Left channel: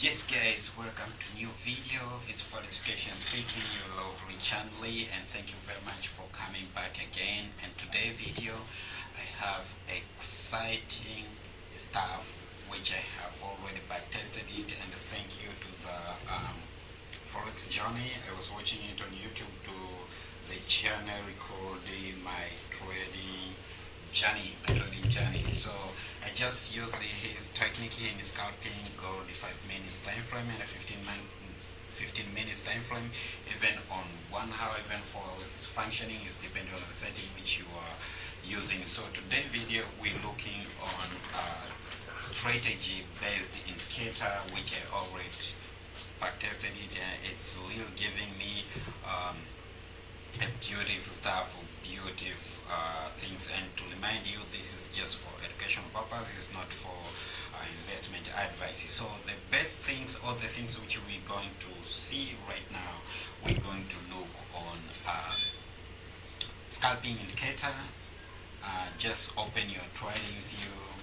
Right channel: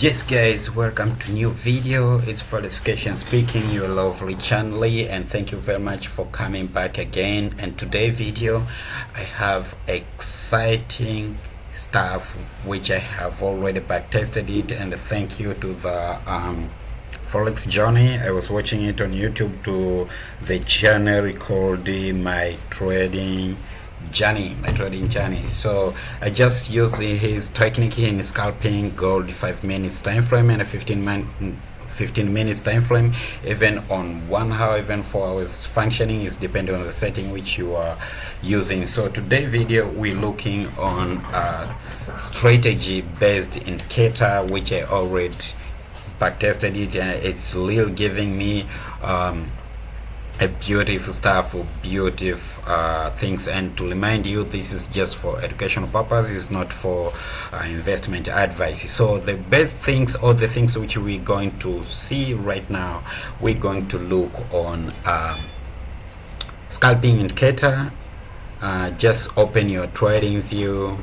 Yes guys, welcome to new video. It's Fortification speaking, your lovely channel, and thank you very much for coming back again. And today video I have exciting stuff which I have already back tested it, and thank you to the forex journey. I was watching it on YouTube to the channel called my trading journey. So I just used his technique in scalping gold 5 minutes time frame and a 15 minutes time frame, even on 1 hour, even 4 hours functioning. Is depending on the setting which you are using. So today video we're looking on strategy based indicator which I already back tested it, and it's really giving me a beautiful stuff, beautiful things. And to remind you, this is just for educational purposes, not for investment advice. So the best things, or the things which we're going to see right now, we're going to look on scalping indicator. Just open your trading view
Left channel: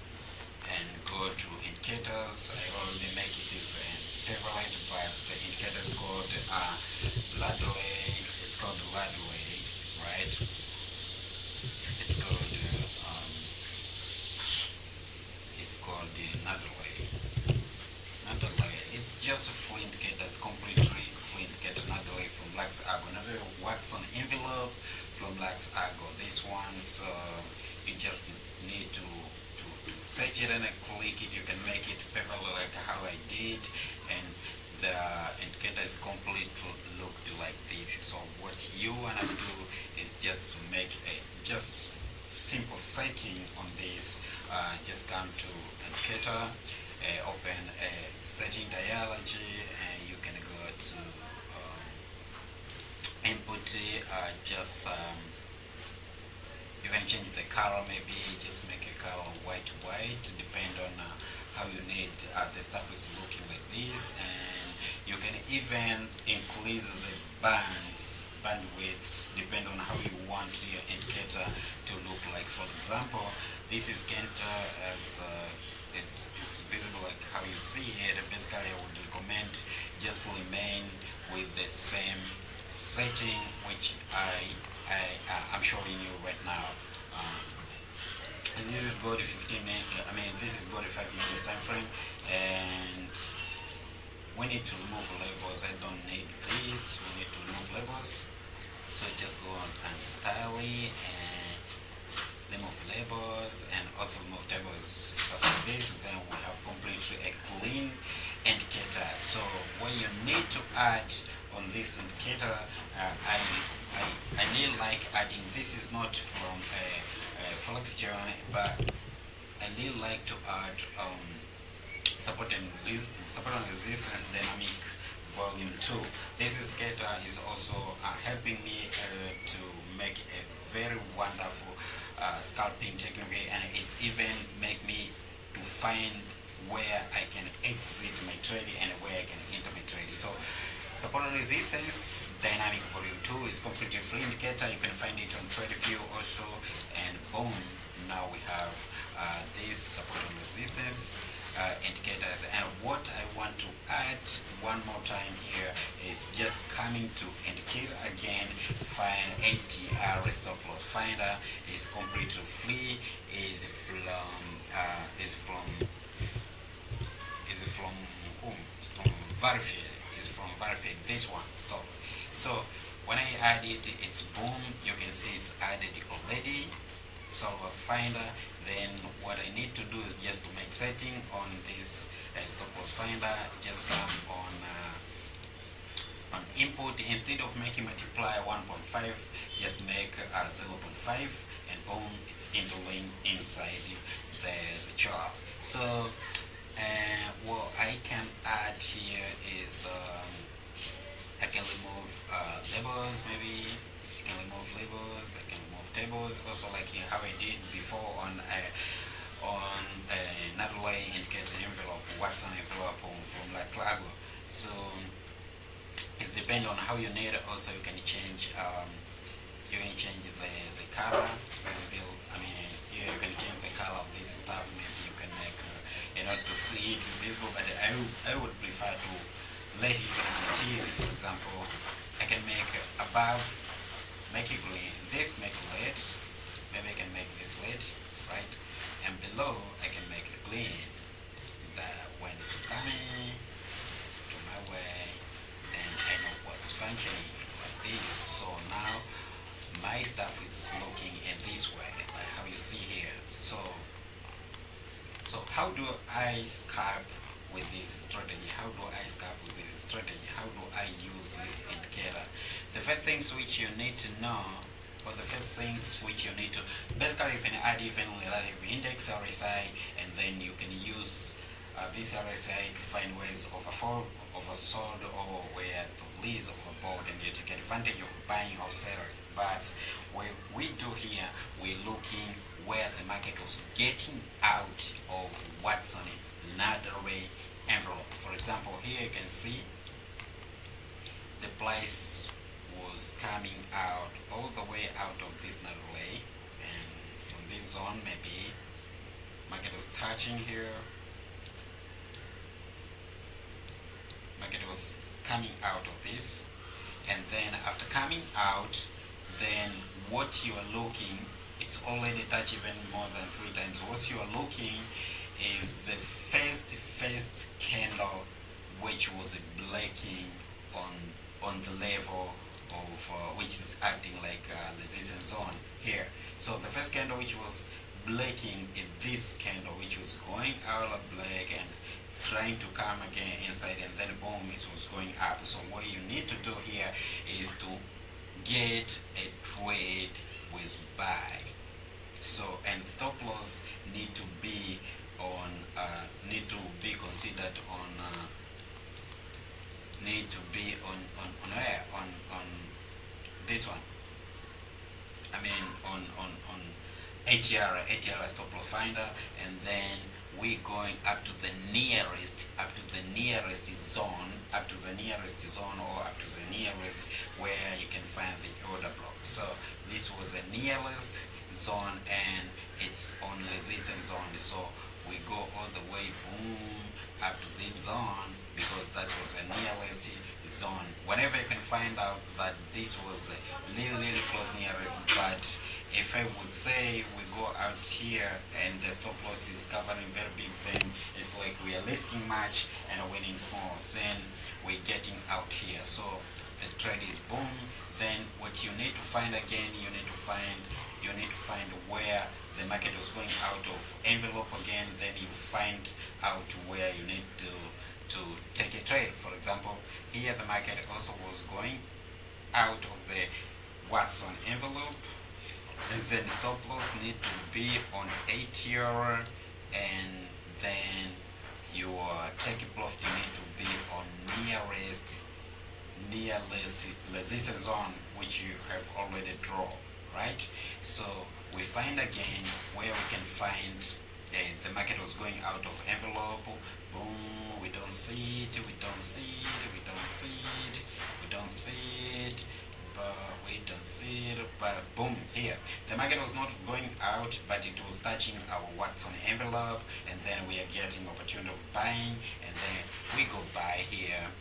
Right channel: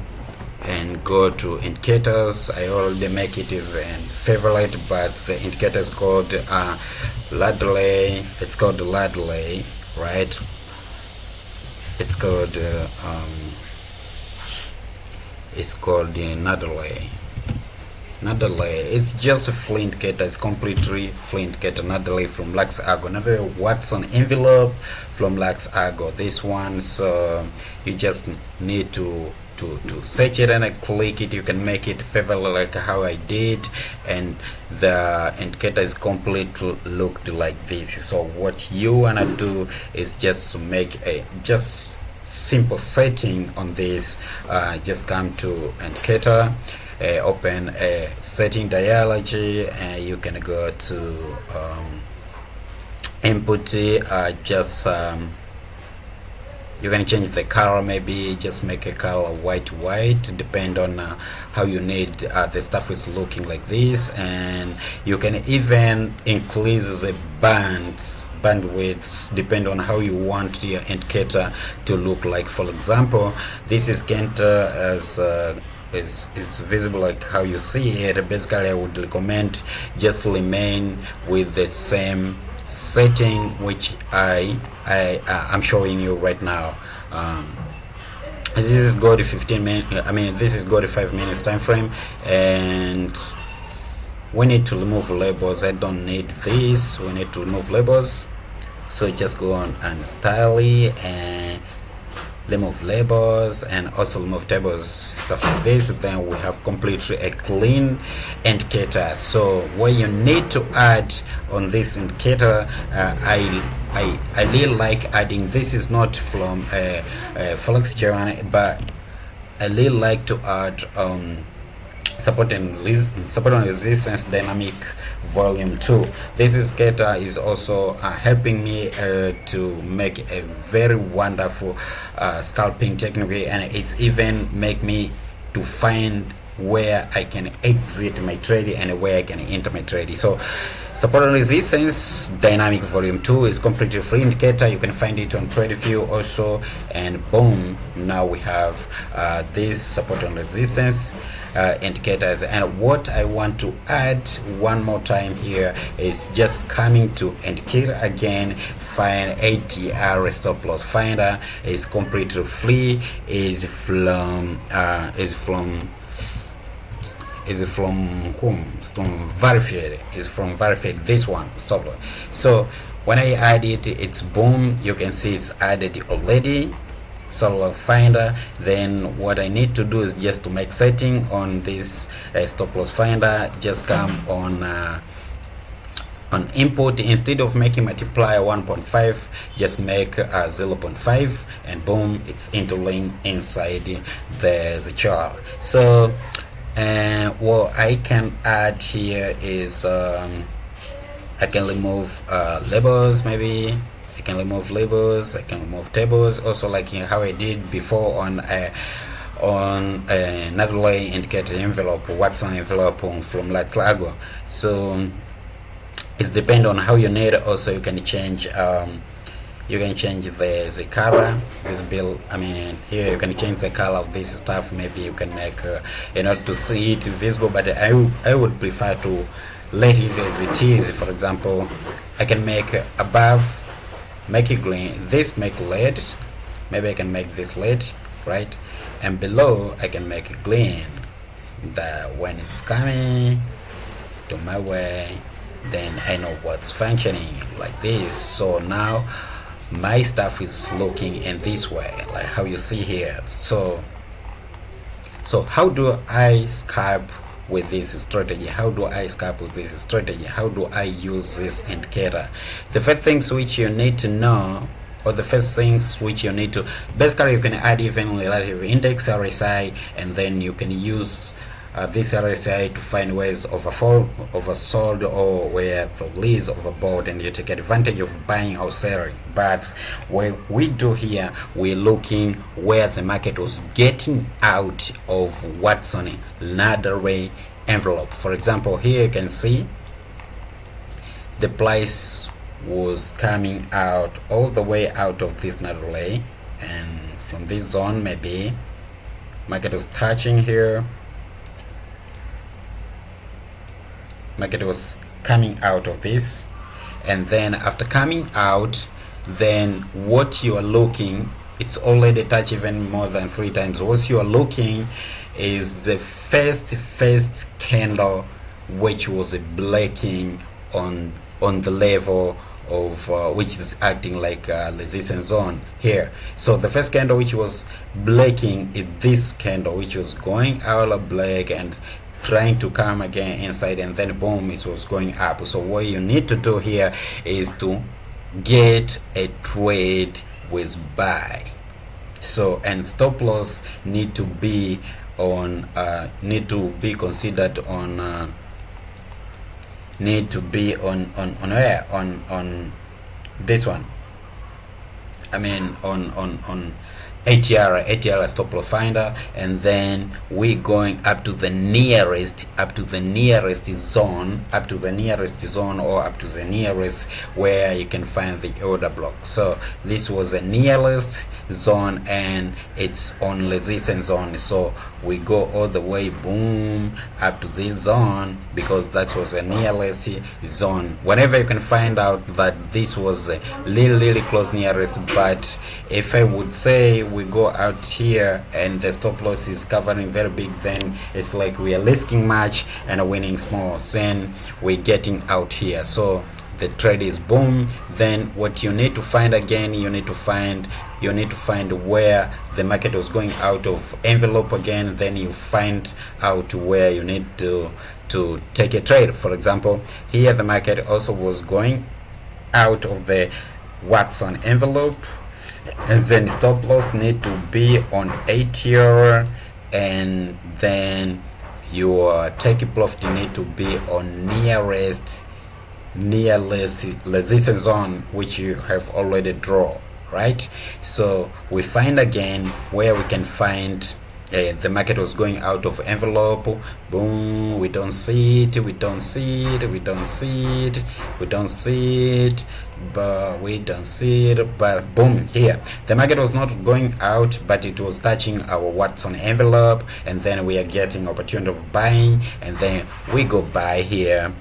and go to indicators. I already make it as a favorite, but the indicator is called Ladley. It's called Ladley, right? It's called Nadley. It's just a free indicator. It's completely free indicator. Nadley from Lux Argo. Another Watson envelope from Lux Argo. This one, so you just need to search it and click it. You can make it favorite like how I did, and the indicator is completely looked like this. So what you wanna do is just to make a just simple setting on this. Just come to indicator, open a setting dialogy, and you can go to input. You can change the color, maybe just make a color white, depend on how you need the stuff is looking like this. And you can even increase the bandwidths depend on how you want your indicator to look like. For example, this is Kenter as is visible like how you see it. Basically I would recommend just remain with the same setting which I'm showing you right now. This is go to 15 minutes. This is go to 5 minutes time frame, and we need to remove labels. I don't need this. We need to remove labels, so just go on and style and remove labels, and also remove tables, stuff like this. Then we have completely a clean indicator. So what you need to add on this indicator, I really like adding, this is not from forex journey, but I really like to add support and resistance dynamic volume 2. This indicator is also helping me to make a very wonderful scalping technique, and it's even make me to find where I can exit my trade and where I can enter my trade. So support and resistance dynamic volume 2 is completely free indicator. You can find it on TradeView also, and boom, now we have this support and resistance indicators. And what I want to add one more time here is just coming to indicator again, find ATR stop loss finder. Is completely free, is from whom? Verified. Is from Verified, this one, stop loss. So when I add it, it's boom, you can see it's added already. So finder, then what I need to do is just to make setting on this stop loss finder. Just come on input, instead of making multiplier 1.5, just make 0.5, and boom, it's interlinked inside the chart. So what I can add here is I can remove labels. Maybe I can remove labels, I can remove tables also, like how I did before on another indicator envelope, Watson envelope from Lux Argo. So it depends on how you need. Also you can change You can change the color, this bill. I mean, here you can change the color of this stuff. Maybe you can make in order to see it visible, but I would prefer to let it as it is. For example, I can make above, make it green, this make red. Maybe I can make this red, right? And below I can make it green. That when it's coming to my way, then I know what's functioning like this. So now my stuff is looking in this way, like how you see here. So how do I scalp with this strategy? How do I scalp with this strategy? How do I use this indicator? The first things which you need to know, or the first things which you need to, basically you can add even relative index RSI, and then you can use this RSI to find ways oversold, or where the leads overbought, and you take advantage of buying or selling. But what we do here, we're looking where the market was getting out of what's on another envelope. For example, here you can see the price was coming out all the way out of this ladder lay, and from this zone maybe market was touching here. Market was coming out of this, and then after coming out, then what you are looking, it's already touched even more than 3 times. What you are looking is the first candle which was breaking on the level of which is acting like a resistance zone here. So the first candle which was breaking is this candle which was going out of black and trying to come again inside, and then boom, it was going up. So what you need to do here is to get a trade with buy. So, and stop loss need to be on considered on need to be on where on this one. I mean on ATR stop loss finder, and then we going up to the nearest zone, or up to the nearest where you can find the order block. So this was the nearest zone, and it's on resistance zone. So we go all the way boom up to this zone, because that was the nearest zone. Whenever you can find out that this was a really close nearest, but if I would say we go out here and the stop loss is covering very big, then it's like we are risking much and winning small, then we're getting out here. So the trade is boom. Then what you need to find again, you need to find where the market was going out of envelope again. Then you find out where you need to take a trade. For example, here the market also was going out of the what's on envelope, and then stop loss need to be on ATR, and then your take profit need to be on nearest resistance zone, which you have already drawn, right? So we find again where we can find the market was going out of envelope. Boom, we don't see it, but boom, here the market was not going out, but it was touching our what's on envelope, and then we are getting opportunity of buying, and then we go buy here,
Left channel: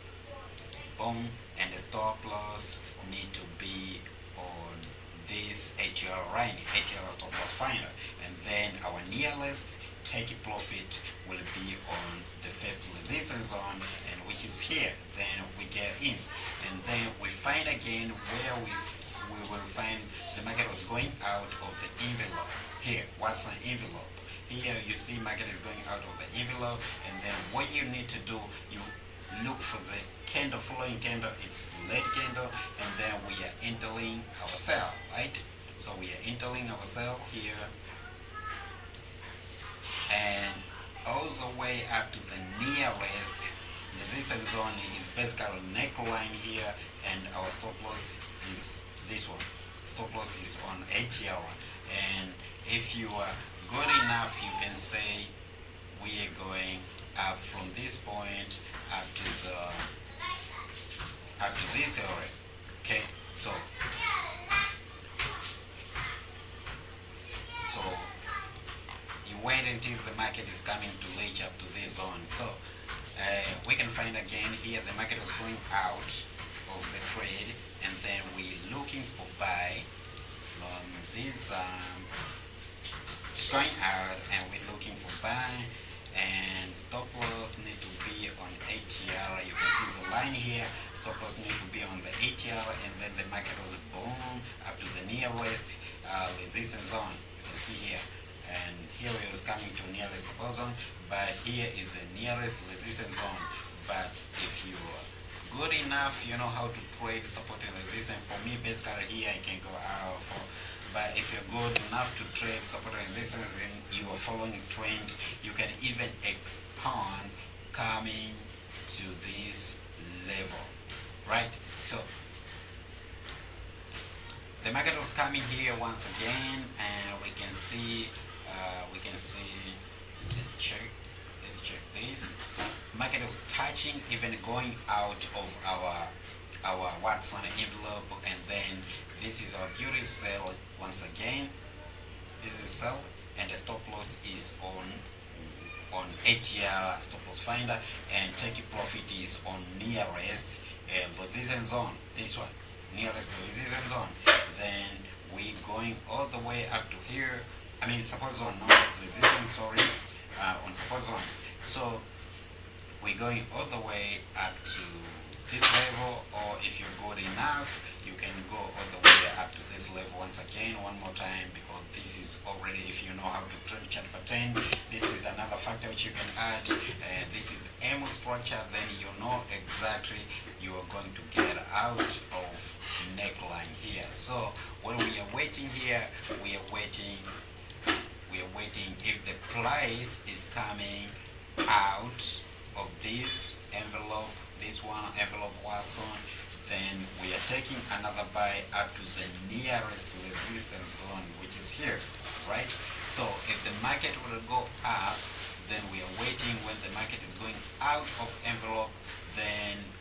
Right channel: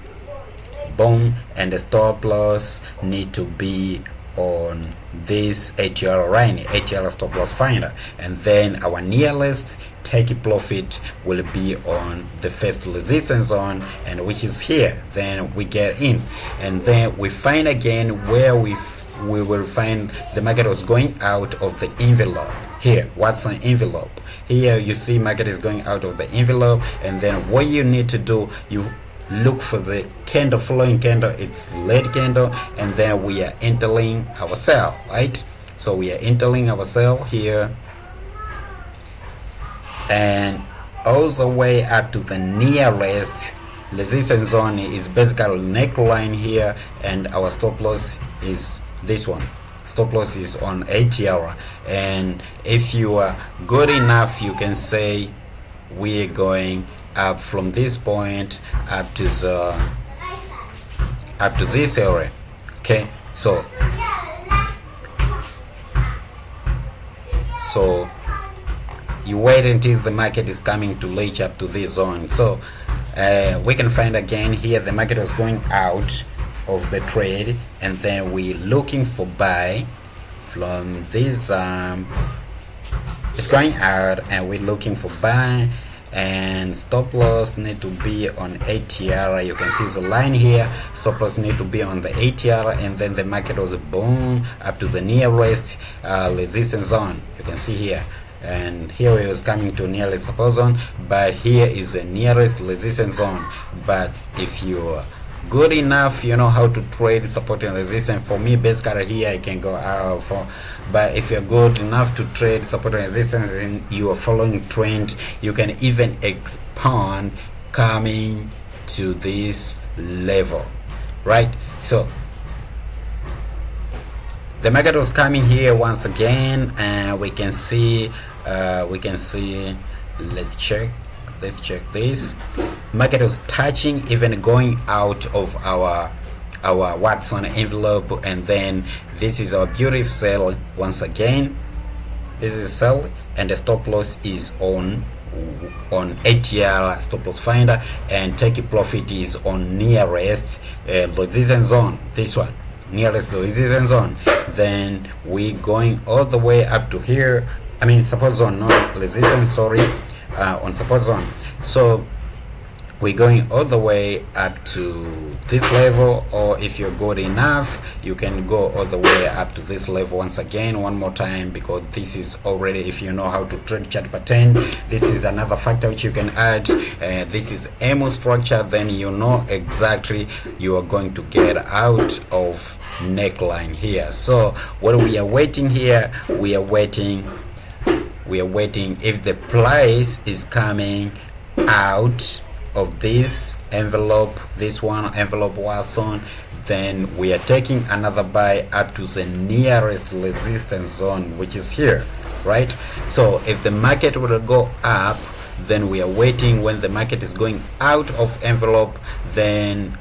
boom, and the stop loss need to be on this ATR line, ATR stop loss finder, and then our nearest take profit will be on the first resistance zone, and which is here. Then we get in, and then we find again where we will find the market was going out of the envelope. Here, what's on envelope? Here you see market is going out of the envelope, and then what you need to do, you look for the candle, following candle, it's red candle, and then we are entering our sell, right? So we are entering our sell here, and all the way up to the nearest resistance zone is basically neckline here, and our stop loss is this one. Stop loss is on ATR, and if you are good enough, you can say we're going up from this point up to this area. Okay, so So you wait until the market is coming to reach up to this zone. So we can find again here the market was going out of the trade, and then we looking for buy from this it's going out, and we're looking for buy, and stop loss need to be on ATR. You can see the line here, stop loss need to be on the ATR, and then the market was boom up to the nearest resistance zone. You can see here, and here it was coming to nearest support zone, but here is the nearest resistance zone. But if you're good enough, you know how to trade support and resistance. For me, basically here I can go out for, but if you're good enough to trade support and resistance and you are following trend, you can even expand coming to this level, right? So the market was coming here once again, and we can see let's check this. Market was touching, even going out of our Watson envelope, and then this is our beautiful sell once again. This is sell, and the stop loss is on ATR stop loss finder, and take profit is on nearest resistance zone. This one, nearest resistance zone. Then we going all the way up to here. I mean support zone, not resistance, sorry, on support zone. So we're going all the way up to this level, or if you're good enough, you can go all the way up to this level once again, one more time, because this is already, if you know how to trade chart pattern, this is another factor which you can add. This is MO structure, then you know exactly you are going to get out of neckline here. So what we are waiting here, we are waiting if the price is coming out of this envelope, this one envelope Watson, then we are taking another buy up to the nearest resistance zone, which is here, right? So if the market will go up, then we are waiting when the market is going out of envelope, then,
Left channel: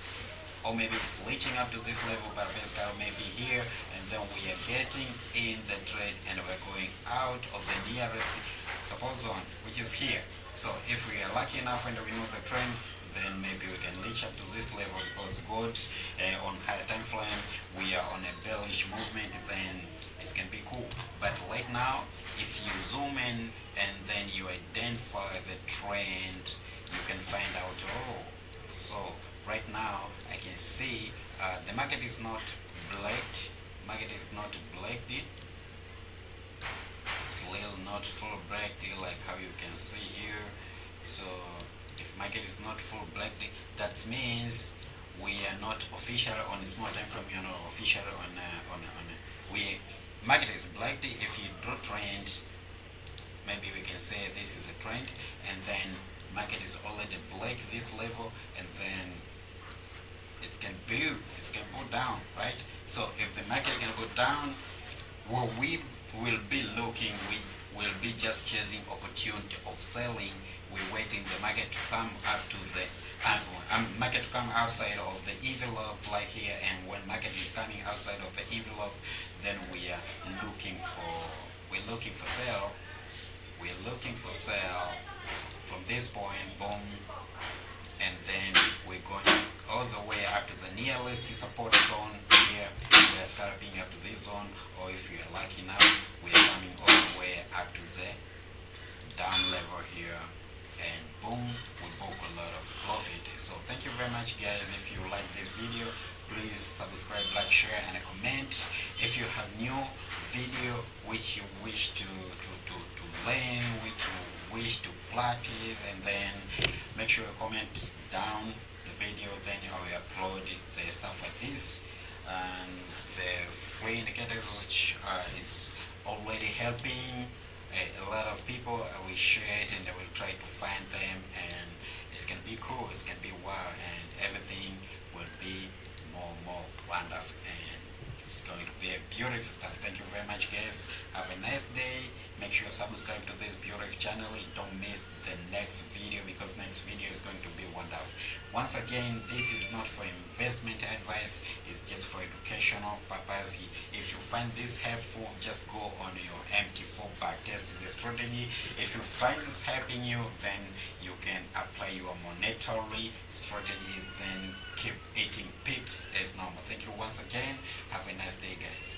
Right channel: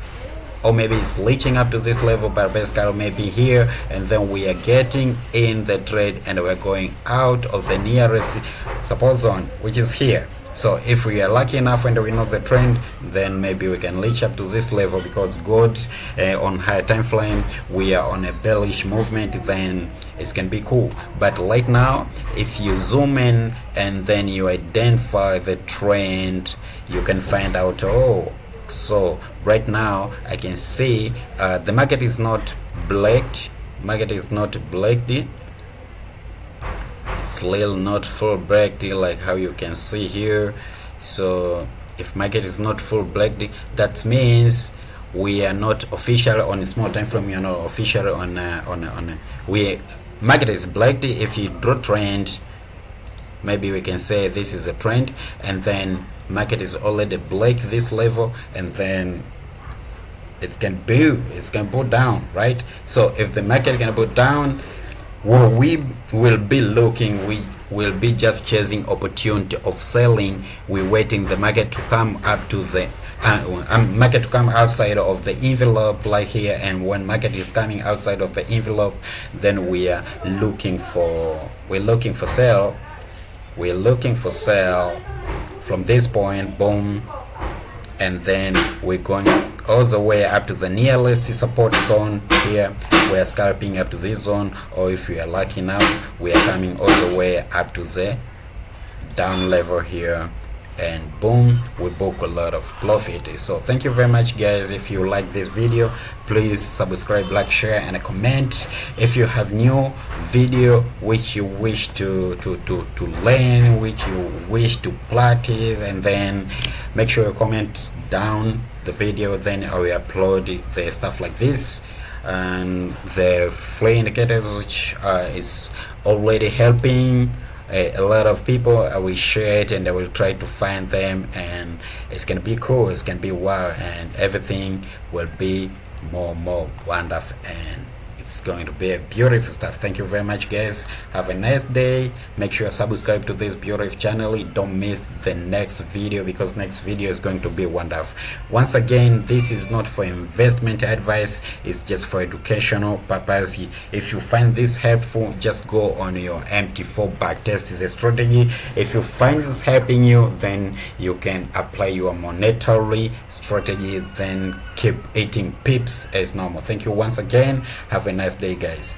or maybe it's reaching up to this level, but basically maybe here, and then we are getting in the trade, and we're going out of the nearest support zone, which is here. So if we are lucky enough and we know the trend, then maybe we can reach up to this level, because gold on higher time frame, we are on a bearish movement, then it can be cool. But right now, if you zoom in and then you identify the trend, you can find out, oh, so right now I can see the market is not blacked, still not full blacked like how you can see here. So if market is not full blacked, that means we are not official on a small time frame, you know, official on we market is blacked. If you draw trend, maybe we can say this is a trend, and then market is already black this level, and then it can go down, right? So if the market can go down, what we will be looking, we will be just chasing opportunity of selling. We're waiting the market to come up to the market to come outside of the envelope like here, and when market is coming outside of the envelope, then we are looking for sell. We're looking for sell from this point, boom, and then we're going all the way up to the nearest support zone here. We are scalping up to this zone, or if we are lucky enough, we are coming all the way up to the down level here, and boom, we book a lot of profit. So thank you very much, guys. If you like this video, please subscribe, like, share, and comment. If you have new video which you wish to learn, which you wish to practice, and then make sure you comment down the video, then I will upload the stuff like this, and the free indicators which is already helping a lot of people. I will share it, and I will try to find them, and it's gonna be cool, it's gonna be wow, and everything will be more wonderful and it's going to be a beautiful stuff. Thank you very much, guys. Have a nice day. Make sure you subscribe to this beautiful channel. Don't miss the next video, because next video is going to be wonderful. Once again, this is not for investment advice, it's just for educational purpose. If you find this helpful, just go on your MT4 back test is a strategy. If you find this helping you, then you can apply your monetary strategy, then keep eating pips as normal. Thank you once again. Have a nice day, guys.